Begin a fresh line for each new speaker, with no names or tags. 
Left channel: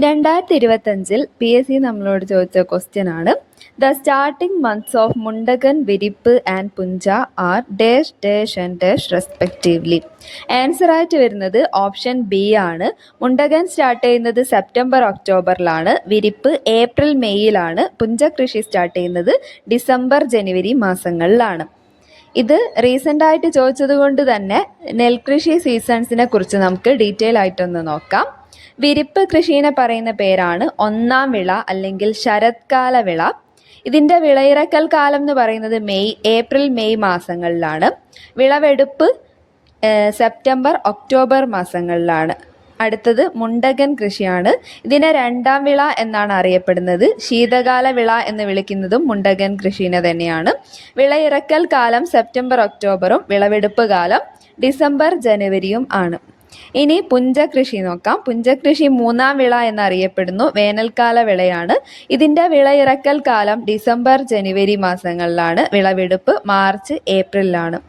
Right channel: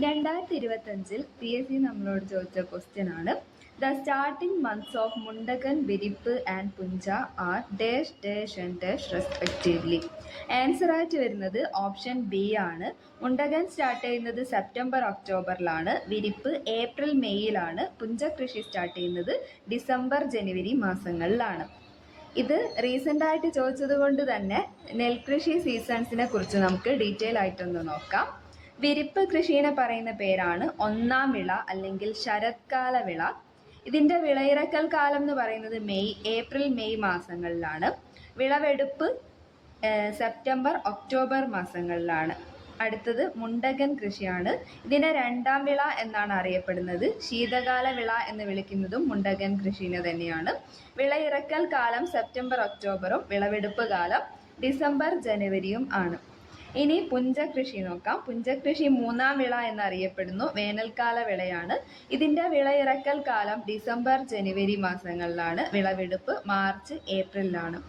രണ്ടായിരത്തി ഇരുപത്തഞ്ചിൽ P S C നമ്മളോട് ചോദിച്ച ക്വസ്റ്റ്യൻ ആണ്. The starting months of Mundakan Virippu and Puncha are dash dash and dash respectively answer ആയിട്ട് വരുന്നത് ഓപ്ഷൻ ബി ആണ്. മുണ്ടകൻ സ്റ്റാർട്ട് ചെയ്യുന്നത് സെപ്റ്റംബർ ഒക്ടോബറിലാണ് വിരിപ്പ് ഏപ്രിൽ മെയ്യിലാണ് പുഞ്ച കൃഷി സ്റ്റാർട്ട് ചെയ്യുന്നത് ഡിസംബർ ജനുവരി മാസങ്ങളിലാണ്. ഇത് റീസെന്റ് ആയിട്ട് ചോദിച്ചത് കൊണ്ട് തന്നെ നെൽകൃഷി സീസൺസിനെ കുറിച്ച് നമുക്ക് ഡീറ്റെയിൽ ആയിട്ടൊന്ന് നോക്കാം. വിരിപ്പ് കൃഷിനെ പറയുന്ന പേരാണ് ഒന്നാം വിള അല്ലെങ്കിൽ ശരത്കാല വിള. ഇതിന്റെ വിളയിറക്കൽ കാലം എന്ന് പറയുന്നത് മെയ് ഏപ്രിൽ മെയ് മാസങ്ങളിലാണ്. വിളവെടുപ്പ് സെപ്റ്റംബർ ഒക്ടോബർ മാസങ്ങളിലാണ്. അടുത്തത് മുണ്ടകൻ കൃഷിയാണ്. ഇതിനെ രണ്ടാം വിള എന്നാണ് അറിയപ്പെടുന്നത്. ശീതകാല വിള എന്ന് വിളിക്കുന്നതും മുണ്ടകൻ കൃഷിനെ തന്നെയാണ്. വിളയിറക്കൽ കാലം സെപ്റ്റംബർ ഒക്ടോബറും വിളവെടുപ്പ് കാലം ഡിസംബർ ജനുവരിയും ആണ്. ഇനി പുഞ്ചകൃഷി നോക്കാം. പുഞ്ചകൃഷി മൂന്നാം വിള എന്നറിയപ്പെടുന്നു. വേനൽക്കാല വിളയാണ്. ഇതിന്റെ വിളയിറക്കൽ കാലം ഡിസംബർ ജനുവരി മാസങ്ങളിലാണ്. വിളവെടുപ്പ് മാർച്ച് ഏപ്രിലാണ്